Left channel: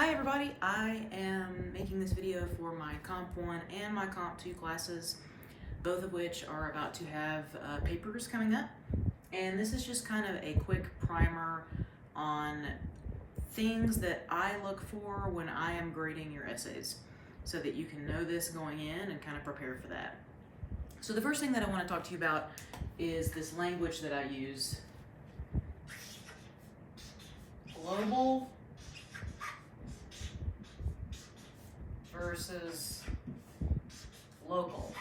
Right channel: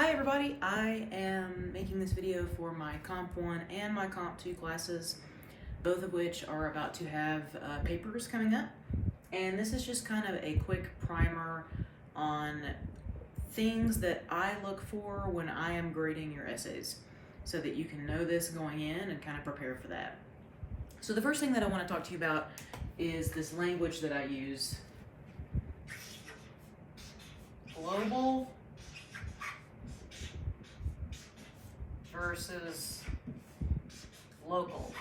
Hi everybody, I am making this video for my Comp 1 and my Comp 2 classes, both of which are about to have papers coming up. And this is just kind of a quick primer on things that I look for when I am grading your essays, so that you can know this going in and kind of prepare for that. So the first thing that I want to talk to you about is this language that I use. Global versus local.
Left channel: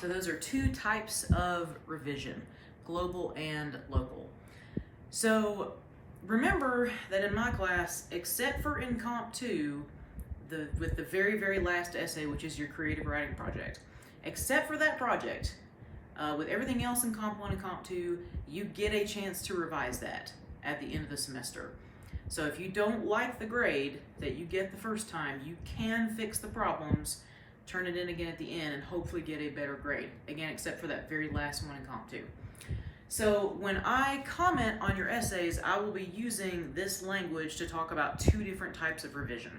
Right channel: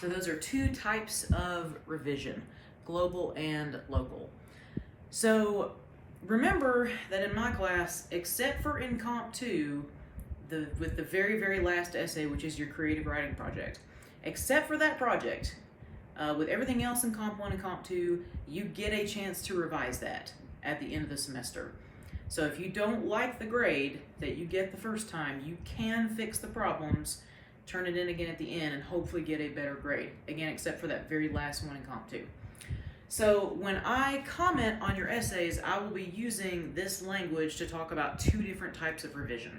So those are two types of revision, global and local. So remember that in my class, except for in Comp 2, with the very, very last essay, which is your creative writing project, except for that project, with everything else in Comp 1 and Comp 2, you get a chance to revise that at the end of the semester. So if you don't like the grade that you get the first time, you can fix the problems, turn it in again at the end, and hopefully get a better grade. Again, except for that very last one in Comp 2. So when I comment on your essays, I will be using this language to talk about two different types of revision.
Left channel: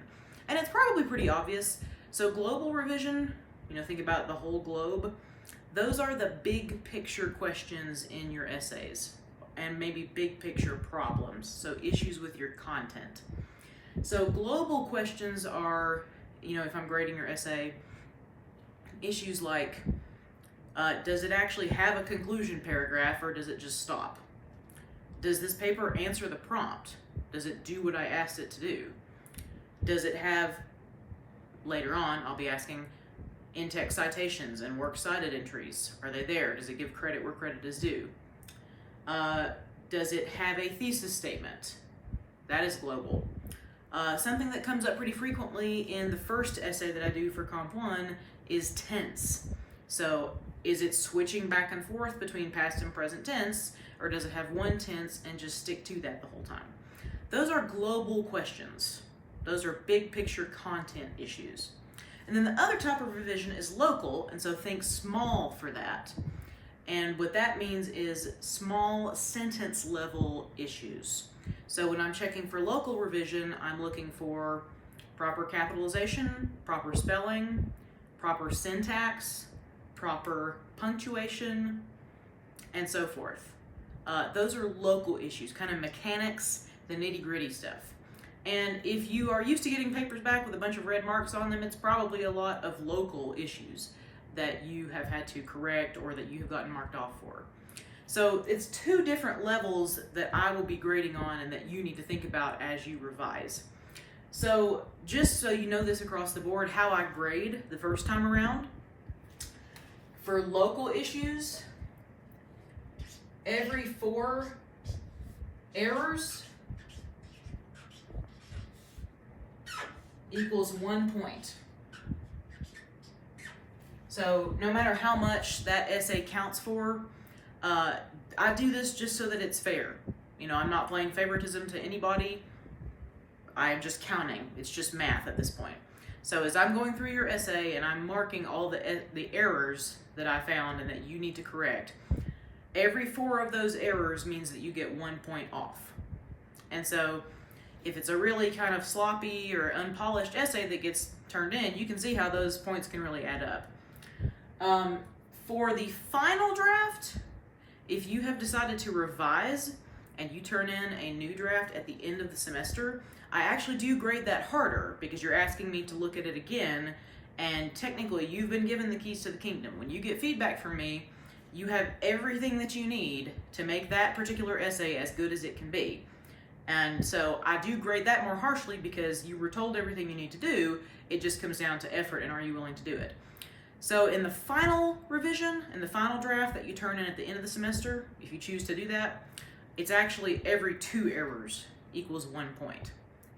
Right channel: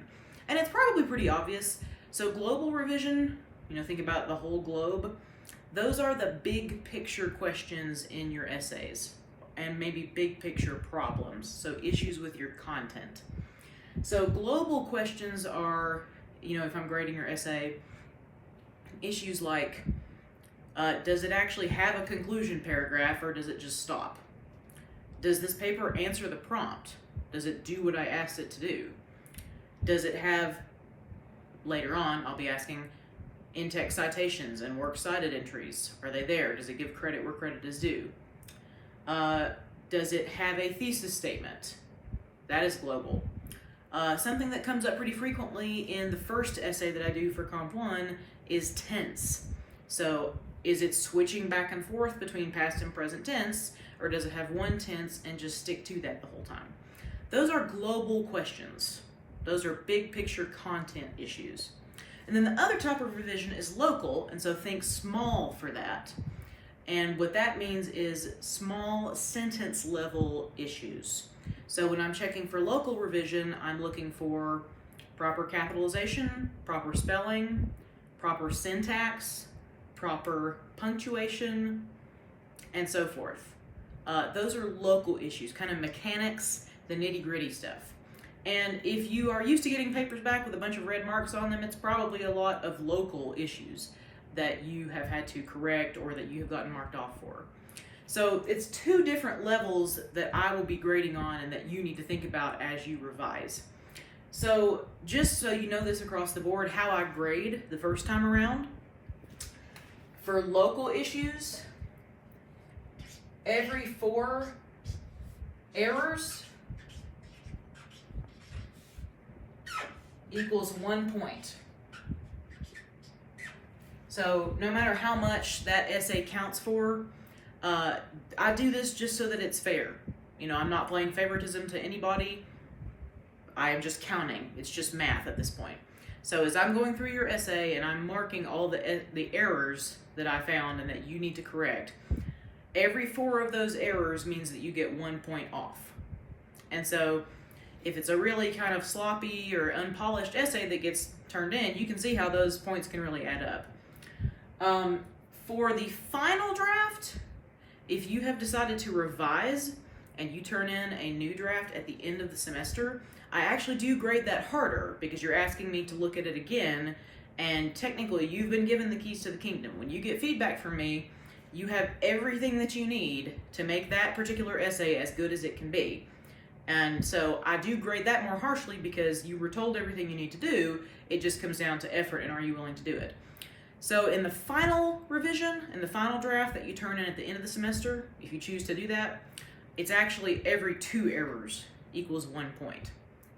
And it's probably pretty obvious. So global revision, think about the whole globe. Those are the big picture questions in your essays, and maybe big picture problems, so issues with your content. So global questions are, if I'm grading your essay, issues like, does it actually have a conclusion paragraph, or does it just stop? Does this paper answer the prompt? Does it do what I asked it to do? Does it have, later on, I'll be asking, in-text citations and works cited entries? Are they there? Does it give credit where credit is due? Does it have a thesis statement? That is global. Something that comes up pretty frequently in the first essay that I do for Comp 1 is tense. So is it switching back and forth between past and present tense, or does it have one tense and just stick to that the whole time? Those are global questions. Those are big picture content issues. And then the other type of revision is local, and so think small for that. And what that means is small sentence level issues. So when I'm checking for local revision, I'm looking for proper capitalization, proper spelling, proper syntax, proper punctuation, and so forth. Those are local issues, kind of mechanics, the nitty-gritty stuff. And if you are used to getting papers back with a bunch of red marks on them, it's probably a lot of local issues that you have had to correct or that you have gotten marked off for. So it's two different levels that I will be grading on and that you need to think about as you revise. So just so you know this across the board, how I grade the first time around, for local issues, every 4 errors equals 1 point. So no matter how much that essay counts for, I do this just so that it's fair. I'm not playing favoritism to anybody. I'm just counting. It's just math at this point. So as I'm going through your essay and I'm marking all the errors that I found and that you need to correct, every 4 of those errors means that you get 1 point off. And so if it's a really kind of sloppy or unpolished essay that gets turned in, you can see how those points can really add up. For the final draft, if you have decided to revise and you turn in a new draft at the end of the semester, I actually do grade that harder because you're asking me to look at it again, and technically you've been given the keys to the kingdom. When you get feedback from me, you have everything that you need to make that particular essay as good as it can be. And so I do grade that more harshly because you were told everything you need to do. It just comes down to effort and are you willing to do it. So in the final revision, in the final draft that you turn in at the end of the semester, if you choose to do that, it's actually every 2 errors equals 1 point,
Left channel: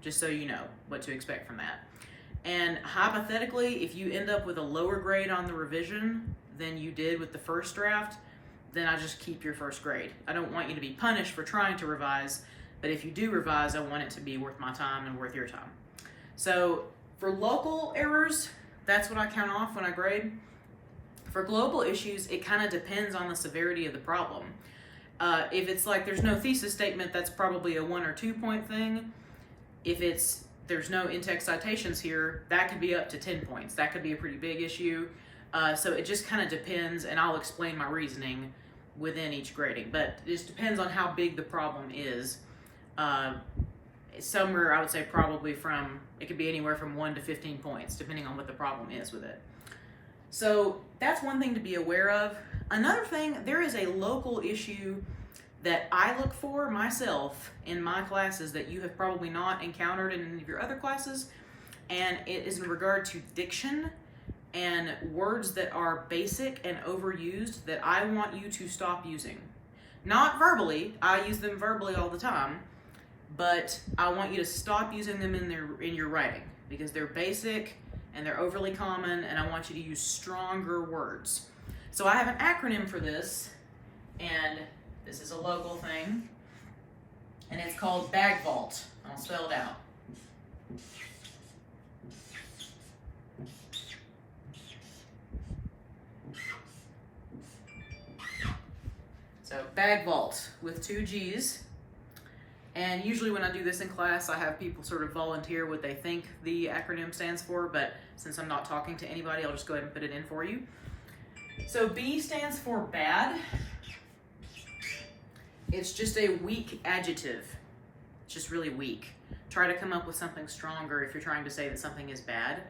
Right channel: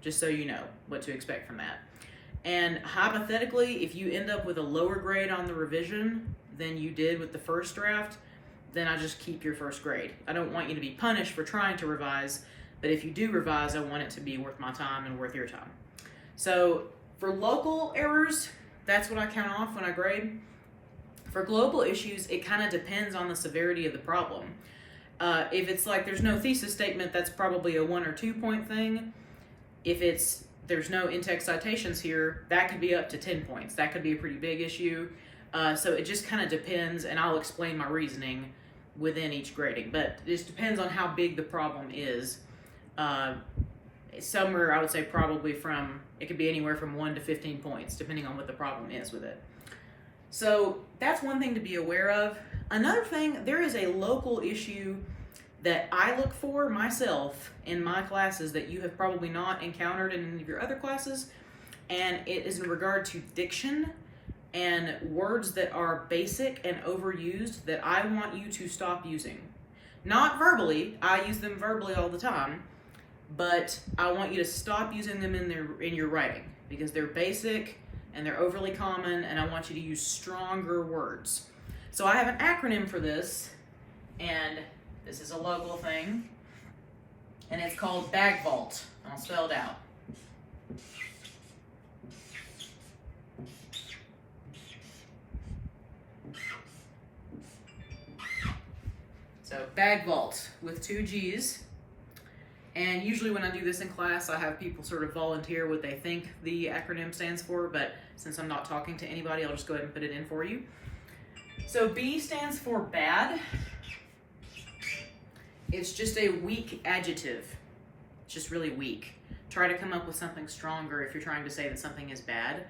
just so you know what to expect from that. And hypothetically, if you end up with a lower grade on the revision than you did with the first draft, then I just keep your first grade. I don't want you to be punished for trying to revise, but if you do revise, I want it to be worth my time and worth your time. So for local errors, that's what I count off when I grade. For global issues, it kind of depends on the severity of the problem. If it's like there's no thesis statement, that's probably a 1 or 2 point thing. If there's no in-text citations here, that could be up to 10 points. That could be a pretty big issue. So it just kind of depends, and I'll explain my reasoning within each grading. But it just depends on how big the problem is. Somewhere, I would say probably it could be anywhere from 1 to 15 points, depending on what the problem is with it. So that's one thing to be aware of. Another thing, there is a local issue that I look for myself in my classes that you have probably not encountered in any of your other classes, and it is in regard to diction and words that are basic and overused that I want you to stop using. Not verbally, I use them verbally all the time, but I want you to stop using them in your writing because they're basic and they're overly common, and I want you to use stronger words. So I have an acronym for this, and this is a local thing, and it's called BAGGVALT. I'll spell it out. So BAGGVALT with 2 G's. And usually when I do this in class, I have people sort of volunteer what they think the acronym stands for, but since I'm not talking to anybody, I'll just go ahead and put it in for you. So B stands for bad. It's just a weak adjective. It's just really weak. Try to come up with something stronger if you're trying to say that something is bad.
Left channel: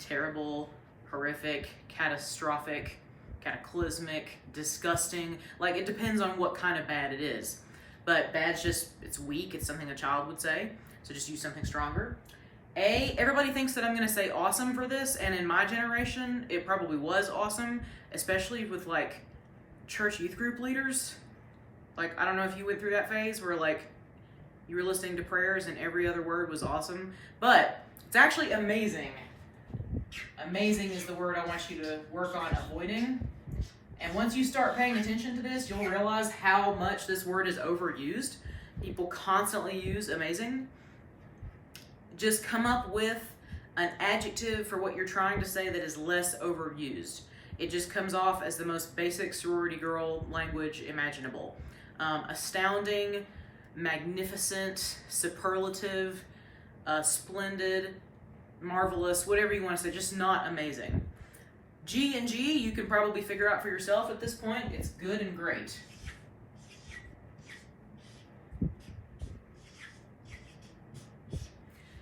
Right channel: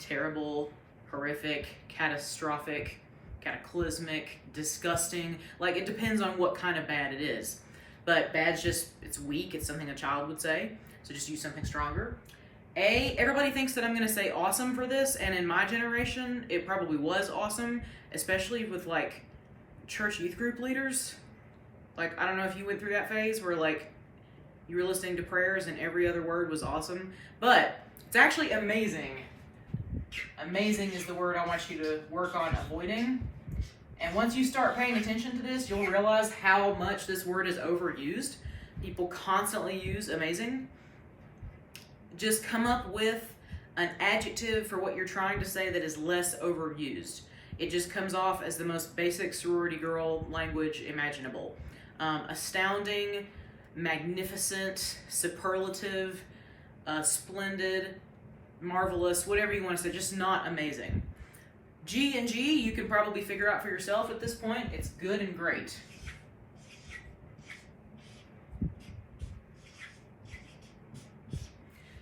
Terrible, horrific, catastrophic, cataclysmic, disgusting. Like, it depends on what kind of bad it is. But bad's just, it's weak. It's something a child would say. So just use something stronger. A, everybody thinks that I'm going to say awesome for this. And in my generation, it probably was awesome. Especially with, like, church youth group leaders. Like, I don't know if you went through that phase where, like, you were listening to prayers and every other word was awesome. But it's actually amazing. Amazing is the word I want you to work on avoiding. And once you start paying attention to this, you'll realize how much this word is overused. People constantly use amazing. Just come up with an adjective for what you're trying to say that is less overused. It just comes off as the most basic sorority girl language imaginable. Astounding, magnificent, superlative, splendid, marvelous, whatever you want to say, just not amazing. G and G, you can probably figure out for yourself at this point. It's good and great.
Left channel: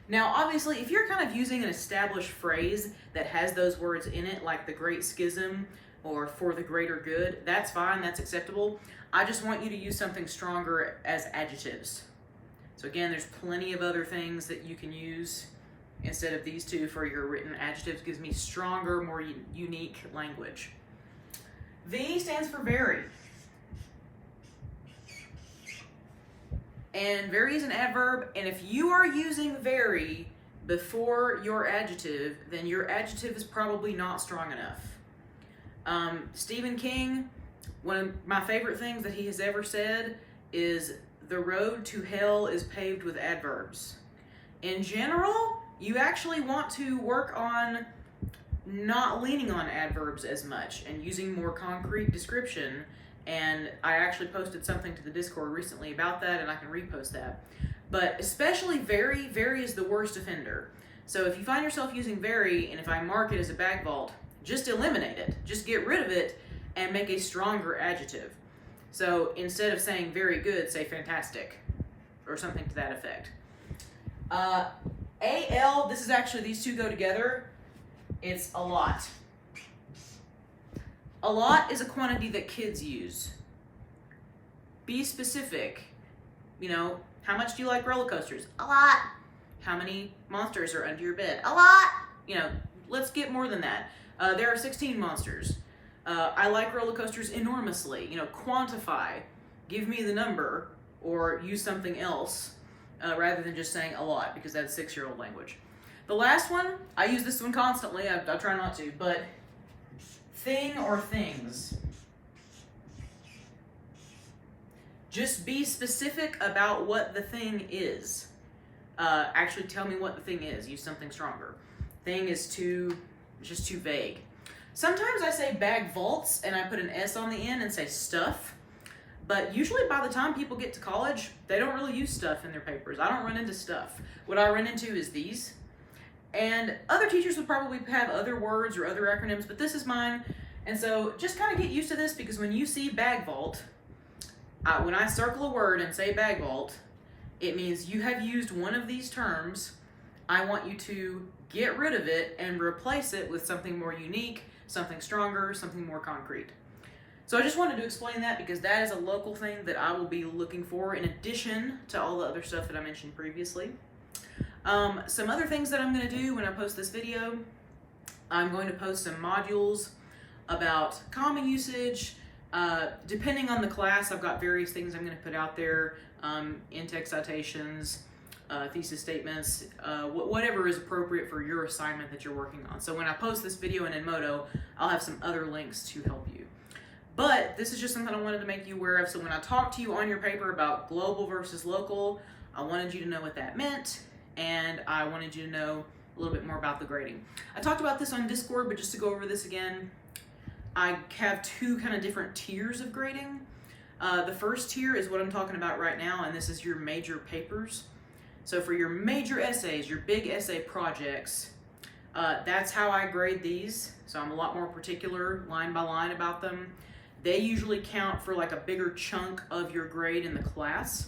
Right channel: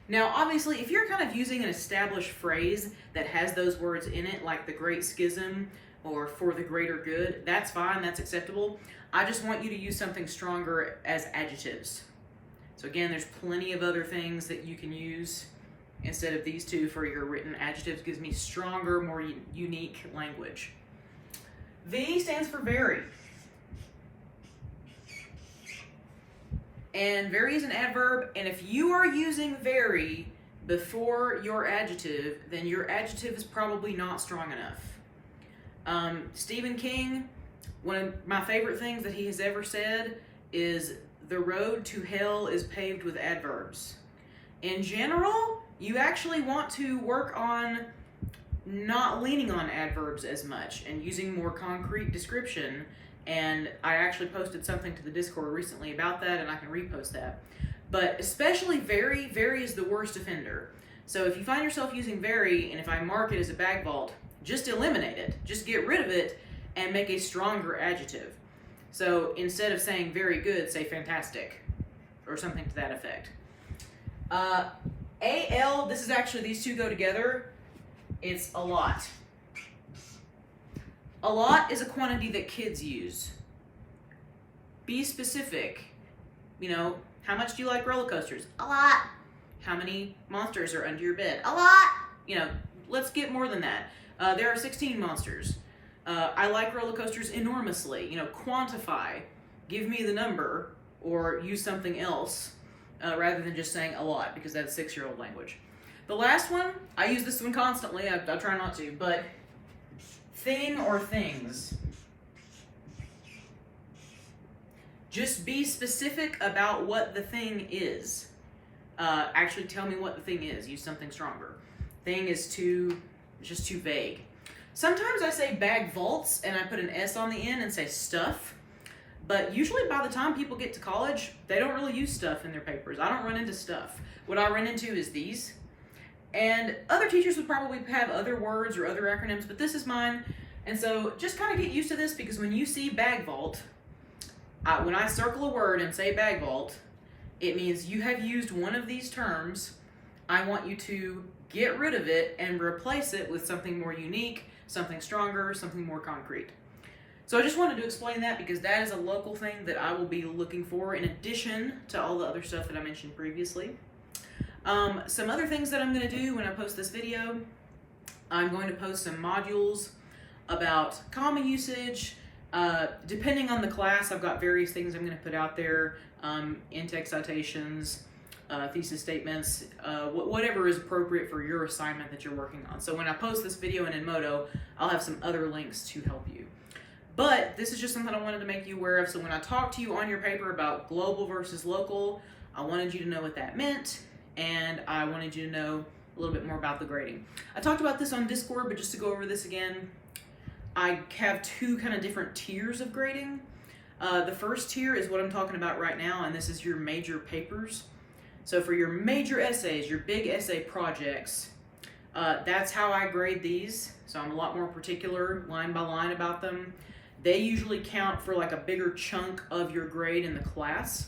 Now, obviously, if you're kind of using an established phrase that has those words in it, like the Great Schism or for the greater good, that's fine, that's acceptable. I just want you to use something stronger as adjectives. So again, there's plenty of other things that you can use instead of these two for your written adjectives. Gives me stronger, more unique language. V stands for very. And very is an adverb, and if you are using very before your adjective, then your adjective is probably not strong enough. Stephen King, one of my favorite things that he has ever said is, the road to hell is paved with adverbs. In general, you actually want to work on not leaning on adverbs as much and using more concrete description. And I actually posted something to the Discord recently about that, and I can repost that. But especially very is the worst offender. So if you find yourself using very, and if I mark it as a BAGGVALT, just eliminate it. Just get rid of it and make a stronger adjective. So instead of saying very good, say fantastic, or something to that effect. AL, this is actually, these two go together. It's a lot. A lot is a quantity that kids use. Be specific. You know, how much do you like roller coasters? A lot. How many monsters are under your bed? A lot. You know, let's get more than that. There are 16 monsters. I like roller coasters enormously. You know, quantify. Give me the number, or use something else rather than just saying a lot, because that's 6-year-old language. The last one, I use this one constantly. I try not to, but thing or things. Just be specific about what the thing is. Actually tell me what the thing is. Use something stronger. Thing is just too vague. Sometimes I say BAGGVALTs and I put an S on the end and say stuff, But usually by the time people get to college, they don't really use stuff in their papers. I don't run into stuff. What I run into is these. And other teachers would probably have other words or other acronyms, but this is mine. And so just kind of get used to this, because when you see BAGGVALT, when I circle a word and say BAGGVALT, it means you have used one of these terms. I want you to get rid of it and replace it with something more unique, something stronger, something more concrete. So I just wanted to explain that, because that is a local thing that I will be looking for in addition to all the other stuff that I mentioned previously. Some other things that I'm going to do when I post this video, I'm going to post some modules about comma usage. Depending on the class, I've got various things I'm going to put out there, in-text citations, thesis statements, whatever is appropriate for your assignment that you're working on. So when I post this video in Edmodo, I'll have some other links to help you. But this is just something I wanted to make you aware of. So when I talked to you on your paper about global versus local, I wanted you to know what that meant, and I wanted you to know a little bit more about the grading. I talked about this on Discord, but just to go over this again, I have two kind of different tiers of grading. The first tier is what I'm talking about right now, and this is your major papers. So for your major essays, your big essay projects, that's how I grade these. So I'm a lot more particular, line by line, about them. They usually count for like a bigger chunk of your grade in the class.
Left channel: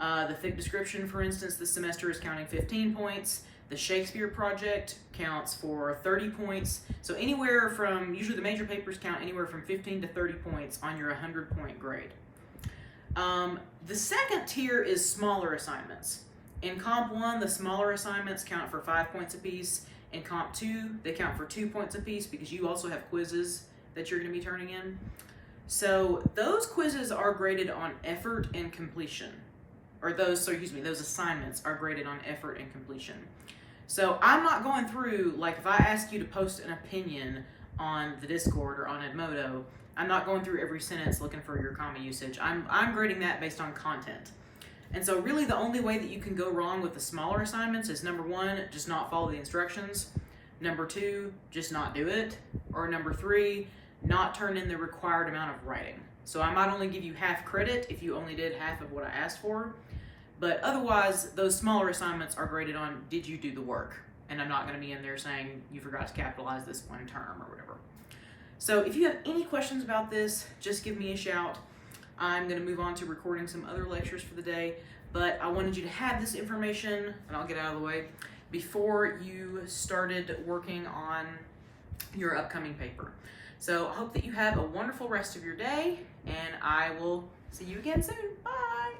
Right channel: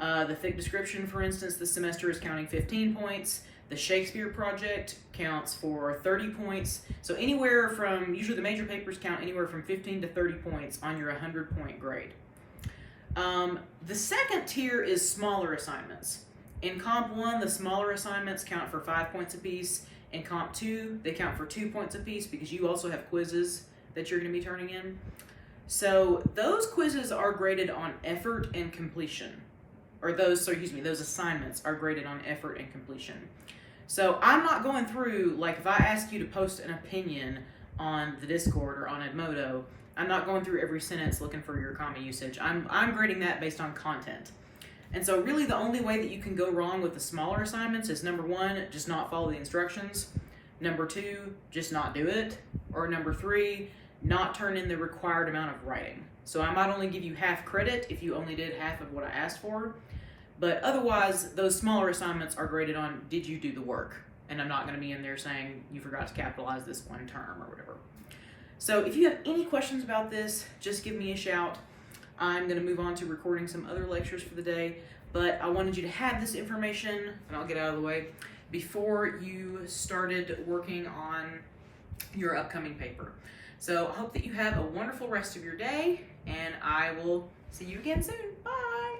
The thick description, for instance, this semester is counting 15 points. The Shakespeare project counts for 30 points. So anywhere from, usually the major papers count anywhere from 15 to 30 points on your 100-point grade. The second tier is smaller assignments. In Comp 1, the smaller assignments count for 5 points apiece. In Comp 2, they count for 2 points apiece, because you also have quizzes that you're going to be turning in. So those quizzes are graded on effort and completion. Those assignments are graded on effort and completion. So I'm not going through, like if I ask you to post an opinion on the Discord or on Edmodo, I'm not going through every sentence looking for your comma usage. I'm grading that based on content. And so really the only way that you can go wrong with the smaller assignments is, number one, just not follow the instructions. Number two, just not do it. Or number three, not turn in the required amount of writing. So I might only give you half credit if you only did half of what I asked for. But otherwise, those smaller assignments are graded on, did you do the work? And I'm not going to be in there saying you forgot to capitalize this one term or whatever. So if you have any questions about this, just give me a shout. I'm going to move on to recording some other lectures for the day. But I wanted you to have this information, and I'll get out of the way, before you started working on your upcoming paper. So I hope that you have a wonderful rest of your day, and I will see you again soon. Bye!